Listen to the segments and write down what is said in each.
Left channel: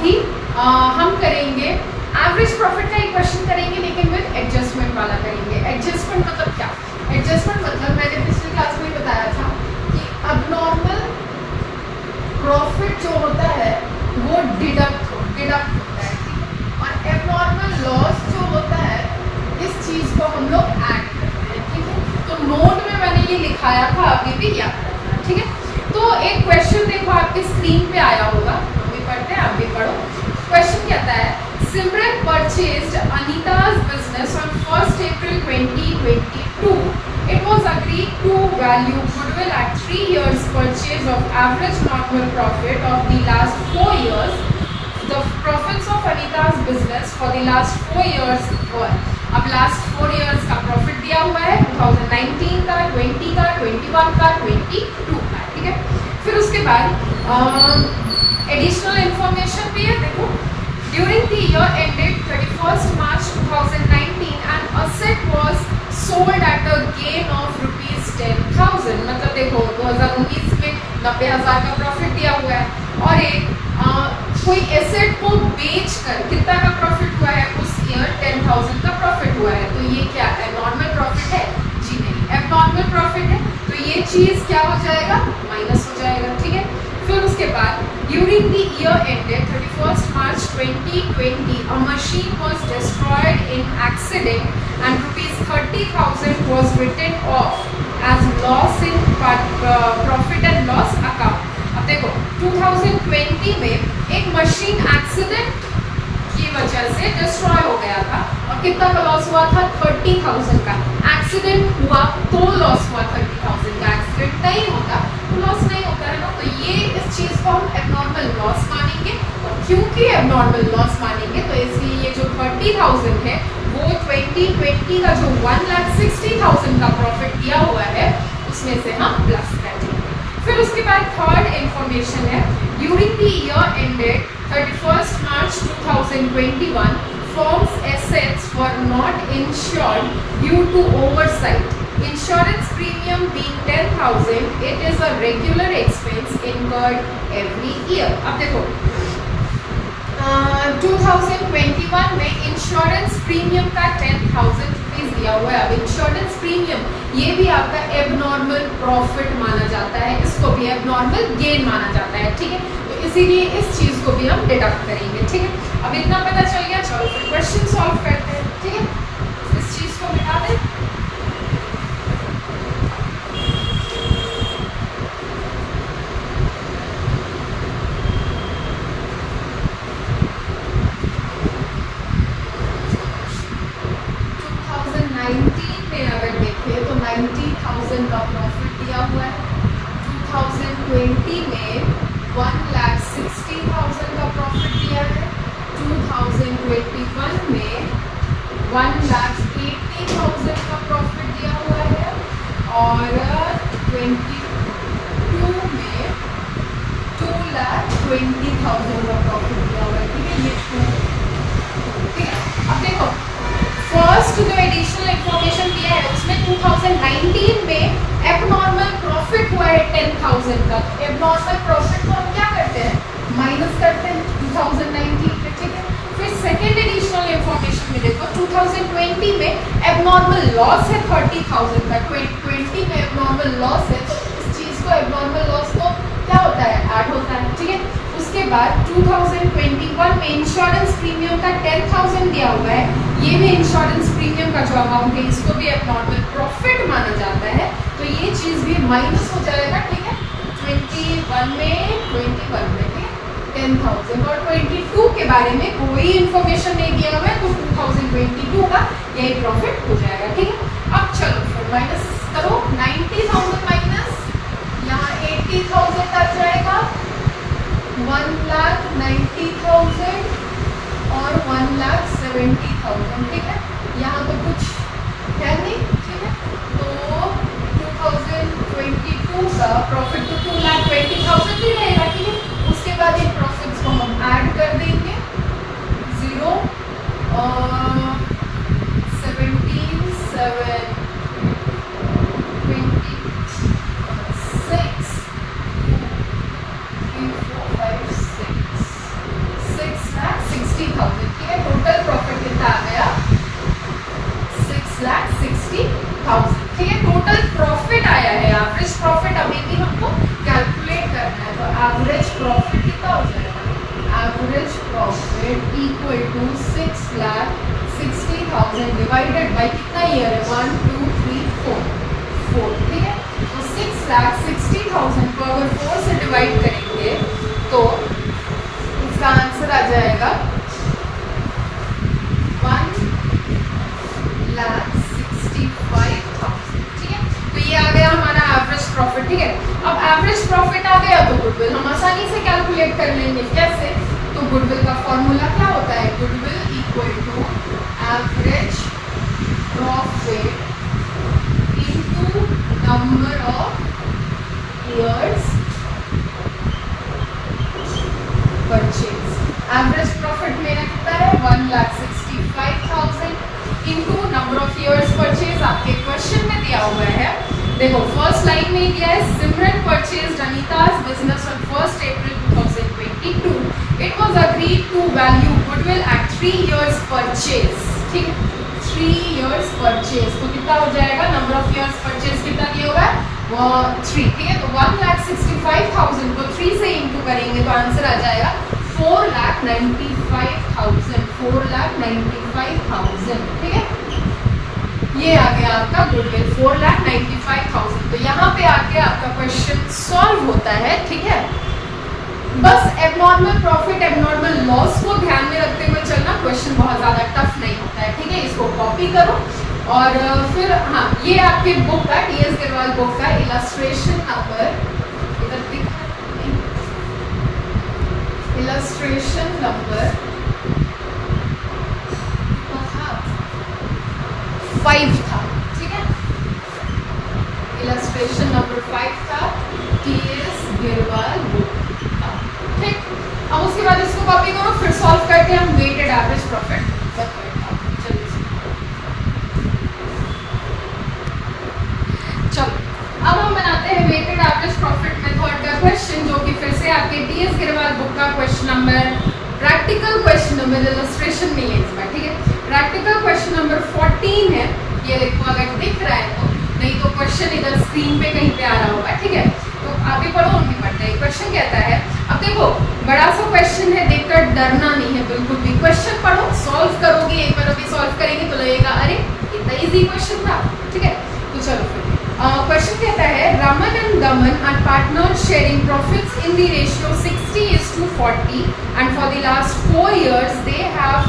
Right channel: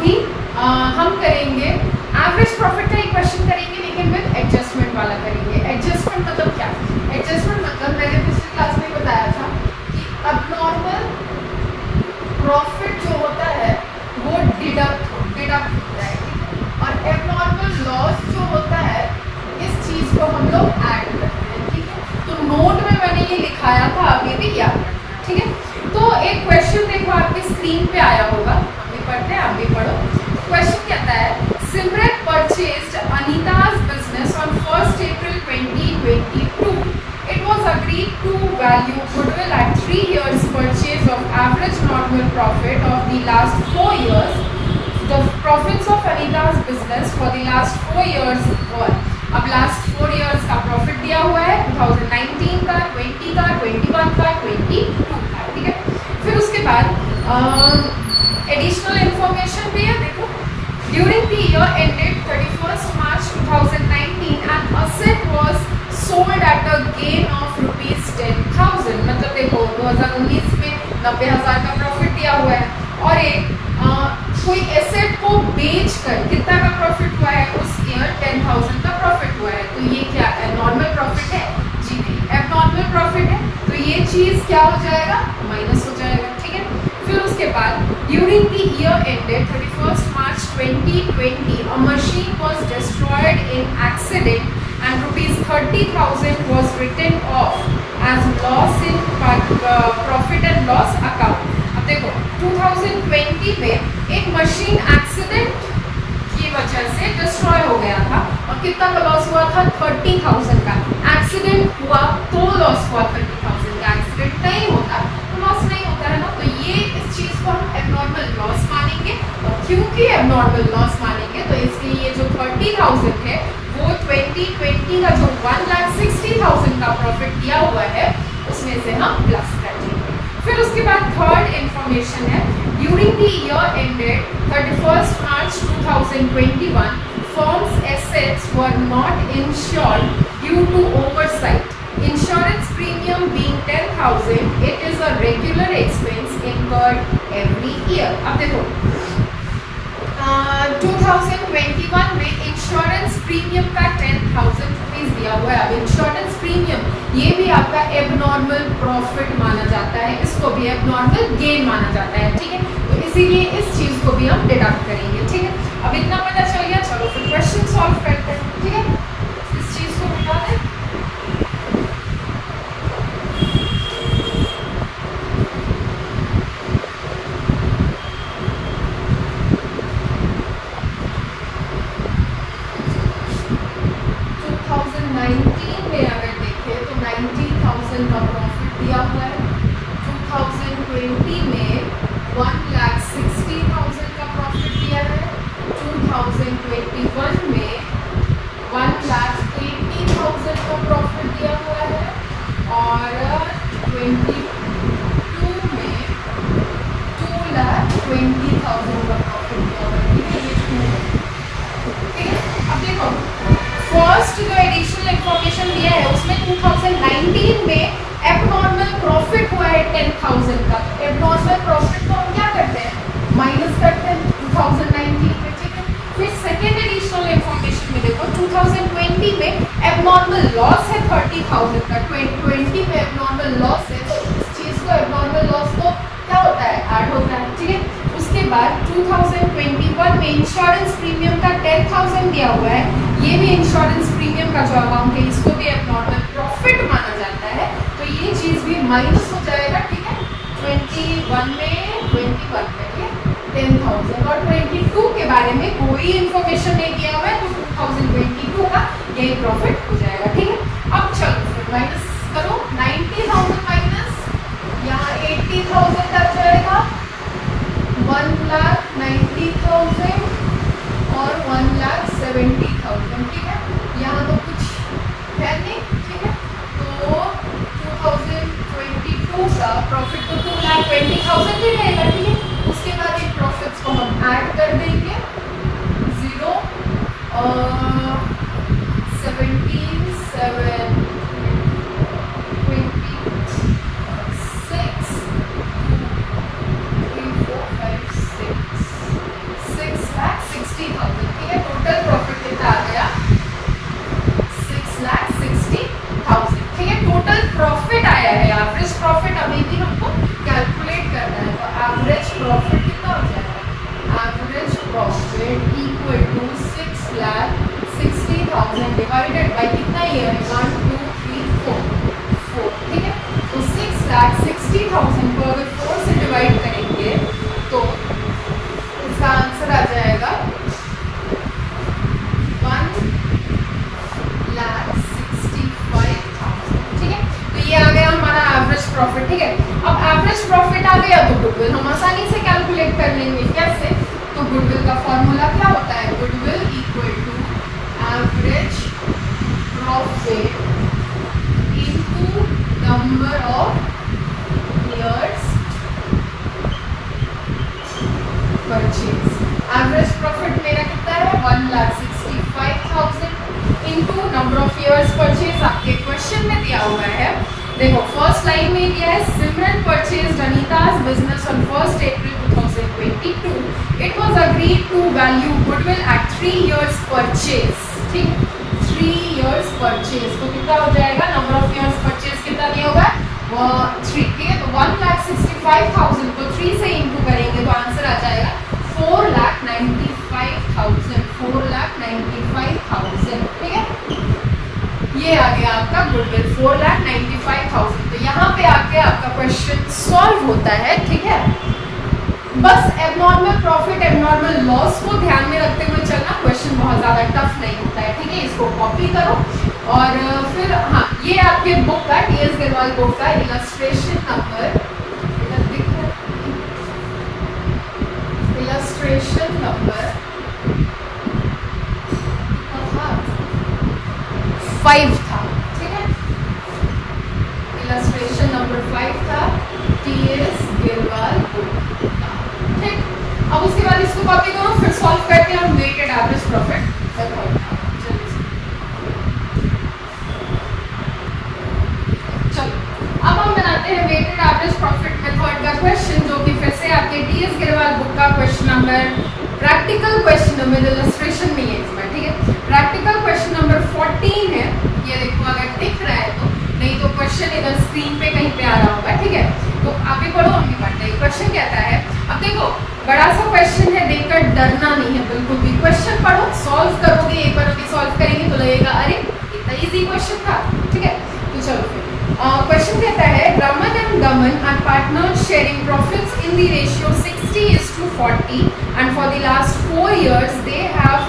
अभी हम करेंगे एवरेज प्रॉफिट का एक क्वेश्चन करेंगे, लेकिन विद एडजस्टमेंट वाला करेंगे। एडजस्टमेंट मतलब क्या? एडजस्टमेंट मतलब मैंने पिछली क्लास में बताया था कि अबनॉर्मल प्रॉफिट जो होता है वो डिडक्ट होता है, और एबनॉर्मल लॉस जो होता है इस चीज को हम लोग ऐड करते हैं, ठीक है। तो नोट में मैंने ये लिखाया था, अभी भी याद रखना, ठीक है। तो एक क्वेश्चन देखो आपके स्क्रीन पे आया होगा, हम भी पढ़ते हैं, आप भी पढ़ो। क्वेश्चन कहता है सिमरन purchased अनीता's business on 1st April 2022. It was agreed to value goodwill at 3 years purchase of average normal profit of the last 4 years. The profits of Anita's business for the last 4 years were, अब last 4 years का profit दिया हुआ है, 2019 का, 20 का, 21 का, 22 का, ठीक है। फिर उसके बाद एडिशनल इंफॉर्मेशन भी है, देखो। During the year ended 31st March 2019 an asset was sold at a gain of ₹10,000। मतलब देखो 2019 में 90,000 का प्रॉफिट दिया हुआ है, और एक कोई एसेट को बेच कर कितना का प्रॉफिट हुआ है उस ईयर 10,000 का प्रॉफिट हुआ है। तो ये क्या है? नॉर्मल प्रॉफिट है? जी नहीं, एबनॉर्मल प्रॉफिट है। तो ये चीज क्या हो जाएगा? माइनस हो जाएगा, ठीक है। फिर उसके बाद during the year ended 31st March 2020 a machine was destroyed in accident and ₹30,000 was written off as loss in profit and loss account। अब देखो 2020 में एक मशीन एक्सीडेंट की वजह से डिस्ट्रॉय हो गया था, और कितना का लॉस हुआ था? 30,000 का। एक्सीडेंट हुआ तो लॉस हुआ 30,000 का, एक्सीडेंट नहीं होता तो लॉस नहीं होता है ना। तो ये इस चीज को हम एबनॉर्मल लॉस मानेंगे, और क्योंकि एबनॉर्मल लॉस मानेंगे तो इसलिए ये जो 30,000 है वो 2020 का जो 1,60,000 का प्रॉफिट दिया हुआ है उसमें से हम प्लस कर देंगे। फिर उसके बाद थर्ड इंफॉर्मेशन है during the year ended 31st March 2021 firm's assets were not insured due to oversight. Insurance premium being 10,000, it is a regular expense incurred every year. अब देखो 2021 में इंश्योरेंस प्रीमियम का 10,000 रुपीज दिया हुआ है। अब इंश्योरेंस प्रीमियम ये भी आपका एबनॉर्मल प्रॉफिट माना जाता है, इसको भी एबनॉर्मल गेन माना जाता है, ठीक है। तो इसीलिए इस चीज को भी हम डिडक्ट करेंगे, ठीक है। अब इतना पता चल गया, चलो फिर क्वेश्चन सॉल्व करते हैं, ठीक है। इस चीज को मिटा दें। में अगर देखें तो 90,000 का प्रॉफिट दिया हुआ है। 2020 में 1,60,000 का प्रॉफिट दिया है। 2021 में 1,80,000 का प्रॉफिट दिया हुआ है, और 22 में 2,20,000 का प्रॉफिट दिया हुआ है, ठीक है। अब देखो फर्स्ट जो एडिशनल इंफॉर्मेशन दिया है उसमें 2019 में एबनॉर्मल प्रॉफिट हुआ है 10,000 का। एबनॉर्मल प्रॉफिट को हम क्या करते हैं? माइनस करते हैं 2019 में, ठीक है। फिर सेकेंड एडिशनल इंफॉर्मेशन में देखो 2020 में एबनॉर्मल लॉस है 30,000 का। 2020 में एबनॉर्मल लॉस है, तो इस चीज को एबनॉर्मल लॉस को क्या होता है? ऐड होता है, ठीक है। उसके बाद 2021 में इंश्योरेंस प्रीमियम का 10,000 दिया हुआ है। ये भी इंश्योरेंस प्रीमियम का जो अमाउंट है इसको भी एबनॉर्मल प्रॉफिट माना जाता है, तो ये चीज भी माइनस हो जाएगा, ठीक है। 21 में 10,000, और 22 के बारे में कोई इंफॉर्मेशन नहीं दिया हुआ है, तो 2022 का यही प्रॉफिट हो जाएगा, ठीक है। अब चलो फिर माइनस करो, 90,000 माइनस यहाँ 80,000 का जाएगा, 1,90,000 और 1,70,000, ठीक है। यहाँ तो कुछ है नहीं, ठीक है। तो 2022 का प्रॉफिट तो 2,20,000 ही रहेगा, ठीक है। उसके बाद इन प्रॉफिट्स को हम ऐड कर देंगे, 0 17 7 26 3 4 5 6 है एवरेज प्रॉफिट अभी भी हमको कैलकुलेट करना है। तो एवरेज प्रॉफिट कितना हो जाएगा, average profit equal to 6,60,000 divided by कितना ईयर है, 1 2 3 4, ठीक है। तो 6,60,000 को अगर 4 से डिवाइड करेंगे तो उसका आंसर आ जाएगा 1,65,000, ठीक है। तो ये आ गया हमारा एवरेज प्रॉफिट, ठीक है। अब एवरेज प्रॉफिट आ गया तो गुडविल हम आसानी से कैलकुलेट कर लेंगे। कैसे, तो गुडविल का फॉर्मूला क्या होता है, goodwill equal to average profit into number of years purchase. Average profit मेरा कितना है, 1,65,000 into number of years purchase. आपके क्वेश्चन में दिया हुआ है, देखो फर्स्ट लाइन में दिया है सिमरन purchased अनीता's business on 1st April 2022. It was agreed to value goodwill at 3 years purchase, ठीक है, 3 years purchase। तो कितना हो जाएगा, नंबर ऑफ ईयर्स परचेज कितना दिया हुआ है, वो 3, ठीक है। तो 1,65,000 को 3 से इंटू करेंगे तो आंसर आ जाएगा 4,95,000, 4,95,000, ठीक है। ये आ गया आपका गुडविल 4,95,000। तो यहाँ पे आके आपका क्वेश्चन सॉल्व होता है, ठीक है। बस एबनॉर्मल प्रॉफिट, एबनॉर्मल लॉस को ध्यान में रखते हुए चलना, क्वेश्चन बहुत ज्यादा टफ नहीं होता है, ठीक है। इसको कॉपी करो और फिर हाँ, ये आपके बुक का टीएस गिरवाल बुक का इलस्ट्रेशन नंबर, इलस्ट्रेशन नंबर 5 था, ठीक है। इलस्ट्रेशन नंबर 5 था टीएस गिरवाल बुक, ठीक। अब उसके बाद इसको कॉपी करो, फिर सॉल्व करते हैं हम वेटेड एवरेज प्रॉफिट। चलो अब हम बनाते हैं वेटेड एवरेज प्रॉफिट मेथड का क्वेश्चन, जो कि फिर से आपके टीएस गिरवाल बुक का question number, practical question number, illustration नहीं है इसमें, ठीक है। प्रैक्टिकल क्वेश्चन नंबर 14 है, ये देखो अगर दिख रहा है तो, नहीं तो क्वेश्चन इधर स्क्रीन पे कहीं पे आ रहा होगा, ठीक है। तो आगे पढ़ो, हम भी पढ़ते हैं। क्वेश्चन कहता है, अब देखो बड़ा सा क्वेश्चन है, देखकर डरना नहीं है बिल्कुल भी, क्वेश्चन पढ़ो, सॉल्व करोगे, एक बार अभी सॉल्व करेंगे तो लगेगा अरे इतना इजी क्वेश्चन था, ठीक है। तो चलो फिर क्वेश्चन कहता है, Raman and Gaman are partners sharing profits in the ratio 60:40 and for the last 4 years they have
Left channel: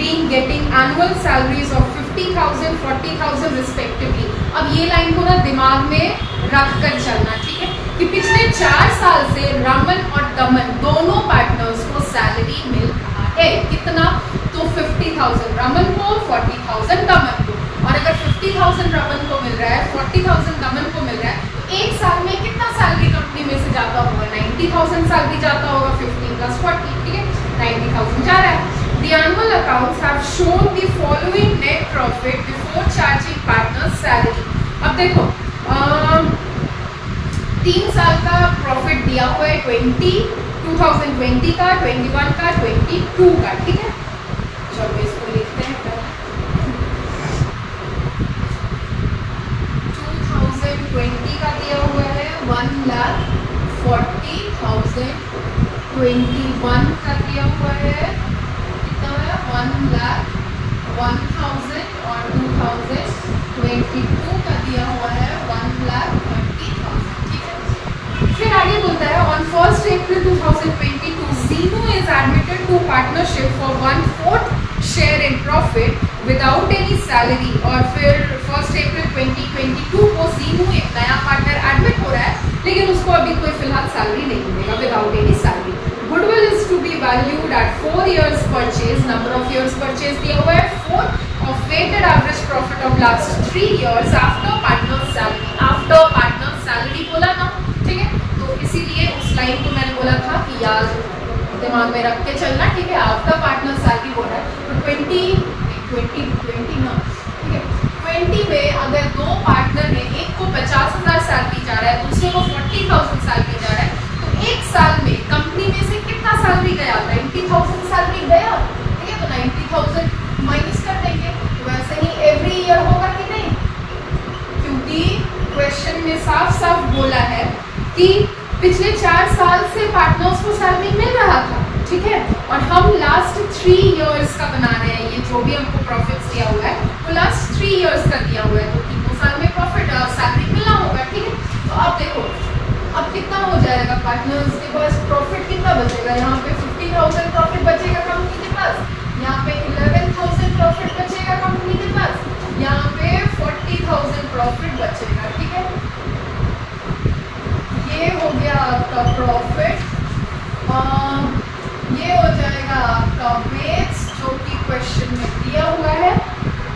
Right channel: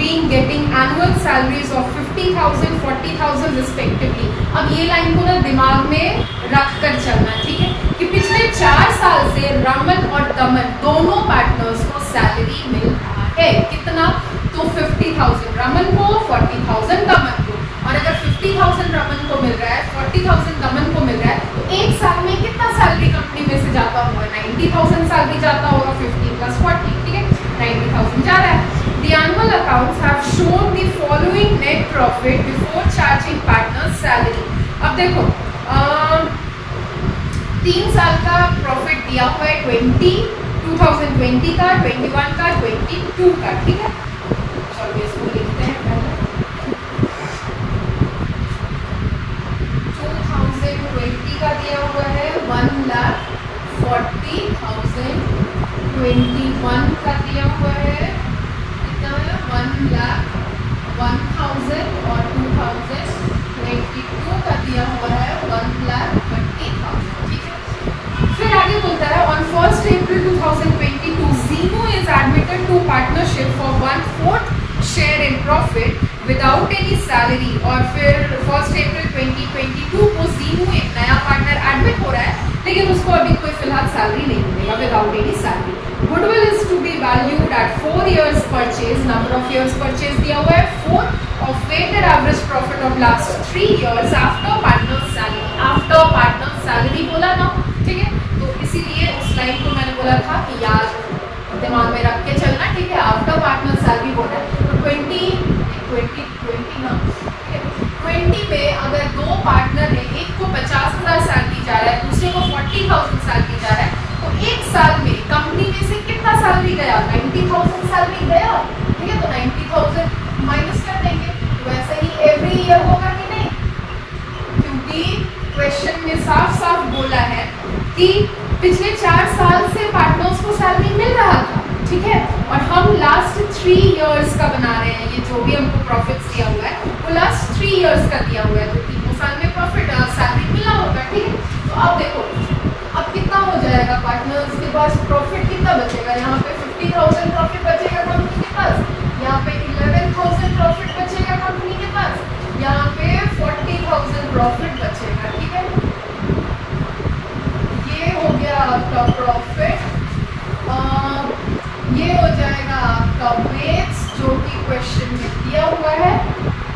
been getting annual salaries of 50,000 40,000 respectively। अब ये लाइन को ना दिमाग में रख कर चलना, ठीक है, कि पिछले 4 साल से रमन और दमन दोनों पार्टनर्स को सैलरी मिल रहा है, कितना, तो 50,000 रमन को, 40,000 दमन को। और अगर 50,000 रमन को मिल रहा है, 40,000 दमन को मिल रहा है, तो एक साल में कितना सैलरी कंपनी में से जाता होगा, 90,000 सैलरी जाता होगा, 50 + 40, ठीक है, 90,000 जा रहा है। The annual accounts have shown the following net profit before charging partners salary। अब देखो 3 साल का प्रॉफिट दिया हुआ है, 2020 का, 21 का, 22 का, ठीक है। चलो इसको लिखते हैं, 2020 का दिया हुआ है 1,40,000, 21 का दिया हुआ है कितना है, 1,01,000 और 2022 का दिया हुआ है 1,30,000, ठीक है। फिर आगे बोलता है, on 1st April 2022 Zinu is admitted to partnership for 1/4 share in profit without any salary। और फिर 1st April 2022 को Zinu एक नया पार्टनर एडमिट हो रहा है, लेकिन उसको अभी कोई फिलहाल सैलरी नहीं मिलेगा, without any salary. Goodwill is to be valued at 4 years purchase, number of years purchase दिया हुआ है 4, of weighted average profit of last 3 years after partner salary. After partner salary बोला ना, ठीक है। तो इसीलिए उस लाइन को मैंने बोला था कि याद दिमाग में रख के चलना, ठीक है। आफ्टर पार्टनर सैलरी बोला है तो 20 ना, ठीक है। 20 में अगर 2 पार्टनर है, एक को 50,000 सैलरी जा रहा है, दूसरे को 40,000 सैलरी जा रहा है, तो एक साल में कंपनी में से कितना सैलरी गया, 90,000 सैलरी गया, ठीक है। तो 90,000 माइनस कर देंगे, तो वैसे ही एवरी ईयर होगा कि नहीं, क्योंकि क्वेश्चन में साफ बोला है कि पिछले 4 साल से पार्टनर्स को सैलरी मिल रहा था, ठीक है, और हम लास्ट 3 इयर्स का बना रहे हैं। ये जो भी हमको प्रॉफिट दिया हुआ है वो लास्ट 3 इयर्स का दिया हुआ है, तो 3 साल में प्रॉफिट सैलरी मिलना होगा, ठीक है। तो अब देखो अब कितना हो जाएगा, पार्टनर्स के पास प्रॉफिट कितना बचेगा, यहाँ पे 50,000 प्रॉफिट बचेगा कंपनी के पास, यहाँ पे 11,000 प्रॉफिट बचेगा कंपनी के पास, यहाँ पे 40,000 प्रॉफिट बचेगा, ठीक है। ये हो गया आपका प्रॉफिट, ये हो जाएगा आपका वेट्स जो कि क्वेश्चन में दिया हुआ है।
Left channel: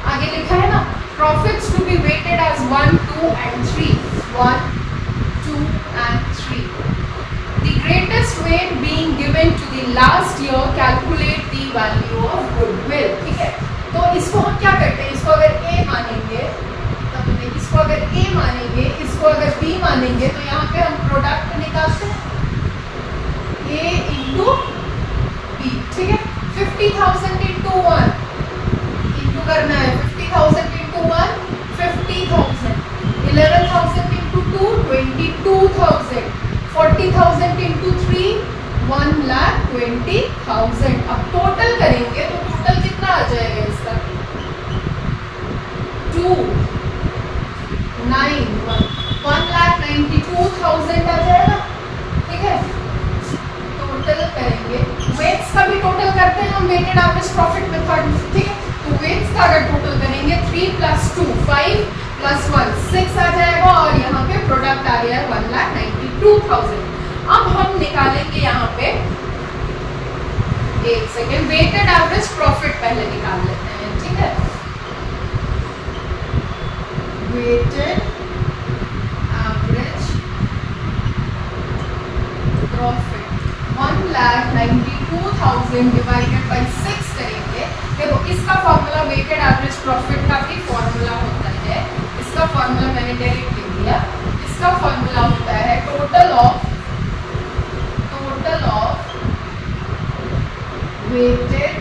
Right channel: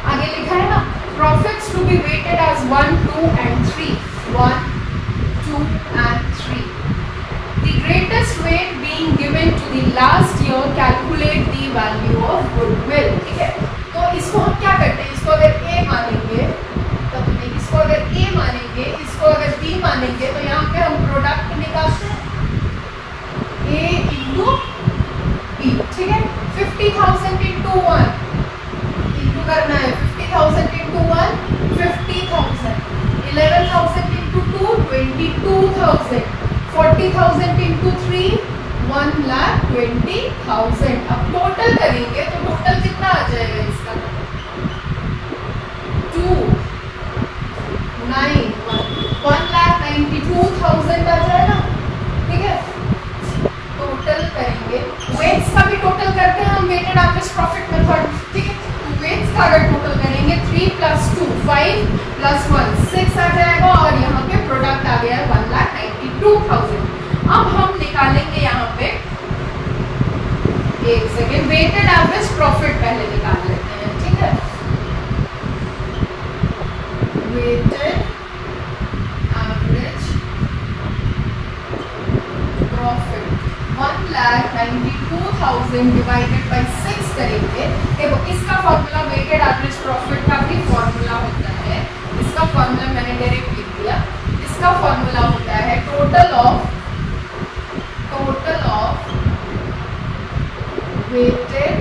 आगे लिखा है ना, profits to be weighted as 1, 2 and 3, 1, 2 and 3. The greatest weight being given to the last year, calculate the value of goodwill, ठीक है। तो इसको हम क्या करते हैं, इसको अगर A मानेंगे तो इसको अगर A मानेंगे, इसको अगर B मानेंगे, तो यहाँ पे हम प्रोडक्ट निकालते हैं A इंटू B, ठीक है। 50,000 इंटू 1 इंटू करना है, 50,000 इंटू 1 50,000, 11,000 इंटू 2 22,000, 40,000 इंटू 3 1,20,000। अब टोटल करेंगे तो टोटल कितना आ जाएगा इसका, 1,92,000 आ जाएगा, ठीक है। टोटल करेंगे, वेट्स का भी टोटल करते हैं हम वेटेड एवरेज प्रॉफिट मेथड, ठीक है। तो वेट्स का अगर टोटल करेंगे 3 + 2 5 + 1 6 आ जाएगा, और यहाँ पे प्रोडक्ट आ गया 1,92,000। अब हम निकालेंगे यहाँ पे, एक सेकेंड, वेटेड एवरेज प्रॉफिट पहले निकाल लेते हैं, ठीक है। Weighted average profit 1,92,000 divided by 6 करेंगे। देखो इसका फॉर्मूला, वेटेड एवरेज प्रॉफिट का भी फॉर्मूला होता है, इसका फॉर्मूला मैंने डायरेक्ट लिख दिया। इसका फॉर्मूला होता है total of weighted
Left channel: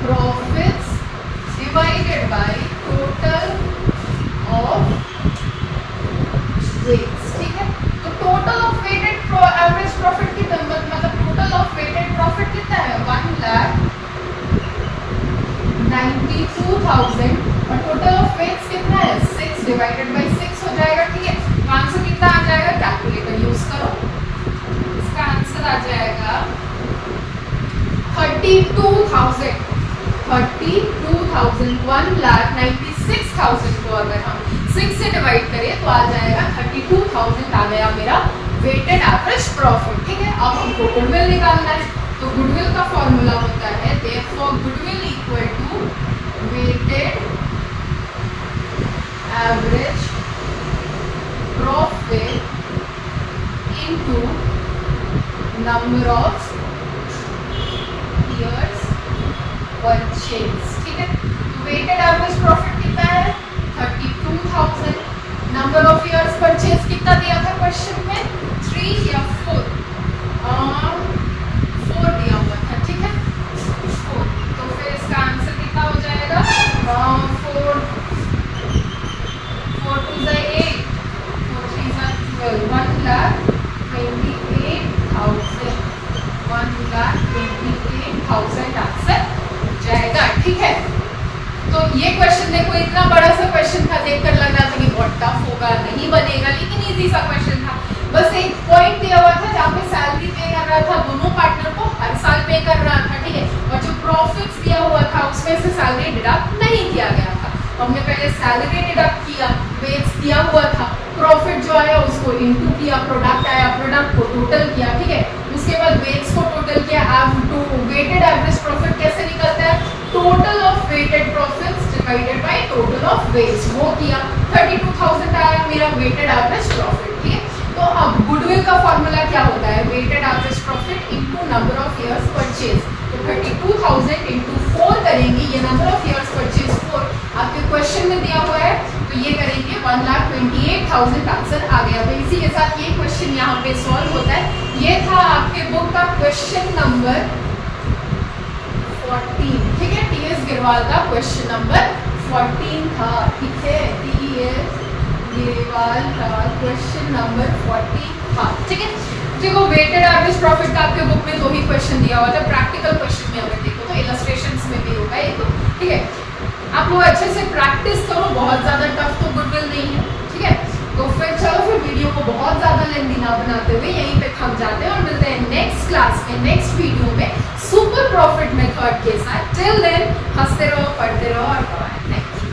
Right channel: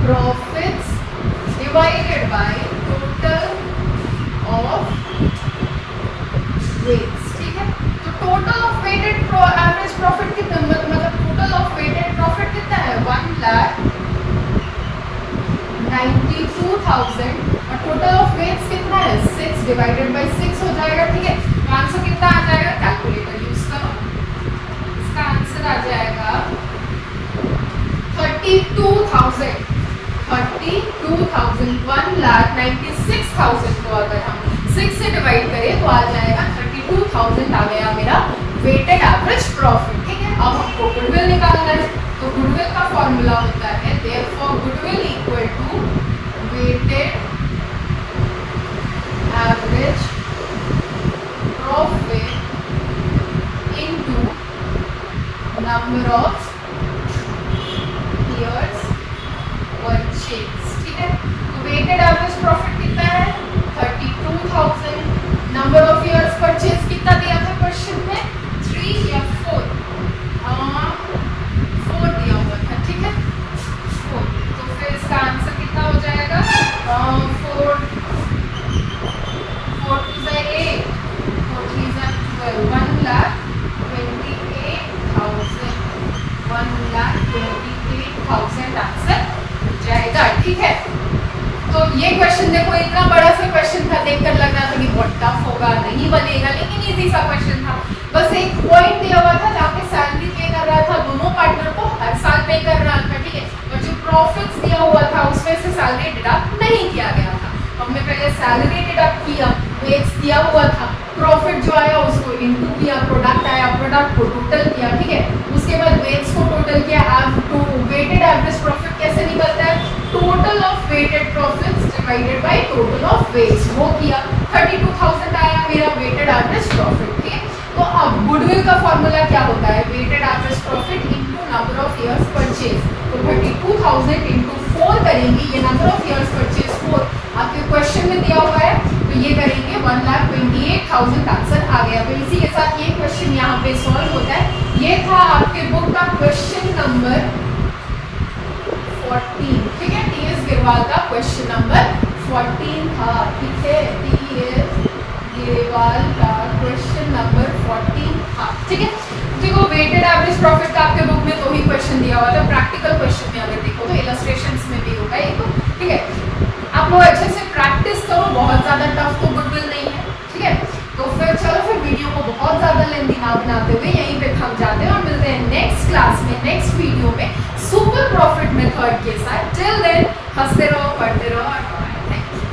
profits divided by total of weights, ठीक है। तो total of weighted average profit कितना, मतलब टोटल ऑफ वेटेड प्रॉफिट कितना है 1,92,000, और टोटल ऑफ वेट्स कितना है 6 डिवाइडेड बाय 6 हो जाएगा, ठीक है। तो आंसर कितना आ जाएगा, कैलकुलेटर यूज करो, इसका आंसर आ जाएगा 32,000, 1,96,000 को अगर हम 6 से डिवाइड करें तो आ जाएगा 32,000 आ गया मेरा वेटेड एवरेज प्रॉफिट, ठीक है। अब हमको गुडविल निकालना है, तो गुडविल का फॉर्मूला होता है therefore goodwill equal to weighted average profit into number of years purchase, ठीक है। तो वेटेड एवरेज प्रॉफिट कितना है 32,000, नंबर ऑफ इयर्स परचेज कितना दिया था क्वेश्चन में 3 या 4 दिया हुआ था, ठीक है 4। तो फिर इसका आंसर कितना हो जाएगा 4 2 8 4 3 12, 1,28,000 आंसर हो जाएगा, ठीक है। तो ये क्वेश्चन देखो इतना बड़ा सा क्वेश्चन था, देखकर लग रहा था कि बहुत टफ होगा, नहीं बनेगा, लेकिन इजी सा क्वेश्चन था। बस एक पॉइंट दिया हुआ था जहाँ पे सैलरी पे कर रहा था, दोनों पार्टनर को हर साल पे कर रहा था, ठीक है। और जो प्रॉफिट्स दिया हुआ था उसमें से सैलरी डिडक्ट नहीं किया गया था। हमने पहले सैलरी डिडक्ट किया, वेज दिया हुआ था, प्रॉफिट जो आया उसको इनटू किया, प्रोडक्ट आया प्रोडक्ट को टोटल किया, ठीक है। उसके बाद वेज को टोटल किया, वेटेड एवरेज प्रॉफिट कैसे निकलता है, total of weighted profits divided by total of weights, वो किया, 32,000 आया मेरा वेटेड एवरेज प्रॉफिट, ठीक है। तो अब गुडविल का फॉर्मूला क्या होता है, weighted average profit into number of years purchase. तो 32,000 इंटू 4 करेंगे, ये नंबर ऑफ इयर्स परचेज 4 आपके क्वेश्चन में दिया हुआ है, तो ये करेंगे 1,28,000 आंसर आ गया। तो इसी के साथ ये क्वेश्चन यहाँ पे सॉल्व होता है। ये था आपके बुक का क्वेश्चन नंबर 14, ठीक है। टीएस गिरवाल का क्वेश्चन नंबर 14 था, ठीक है। टीएस अग्रवाल का क्वेश्चन नंबर 40। हाँ ठीक है, देखो वेटेड एवरेज प्रॉफिट का आपके बुक में 2 ही क्वेश्चन दिया हुआ था, प्रैक्टिकल क्वेश्चन में अगर देखो तो इलस्ट्रेशंस में भी होगा ये तो, ठीक है। आप लोग अच्छे से प्रैक्टिस करो, बहुत ज़्यादा टफ तो गुडविल नहीं है, ठीक है। तो फिर चलो फिर वीडियो को बहुत ज़्यादा लेंथी ना बनाते हुए यहीं पे थम जाते हैं और मिलते हैं नेक्स्ट क्लास में, नेक्स्ट वीडियो में सुपर प्रॉफिट मेथड के साथ। टिल देन हंसते रहो, पढ़ते रहो और थैंक यू।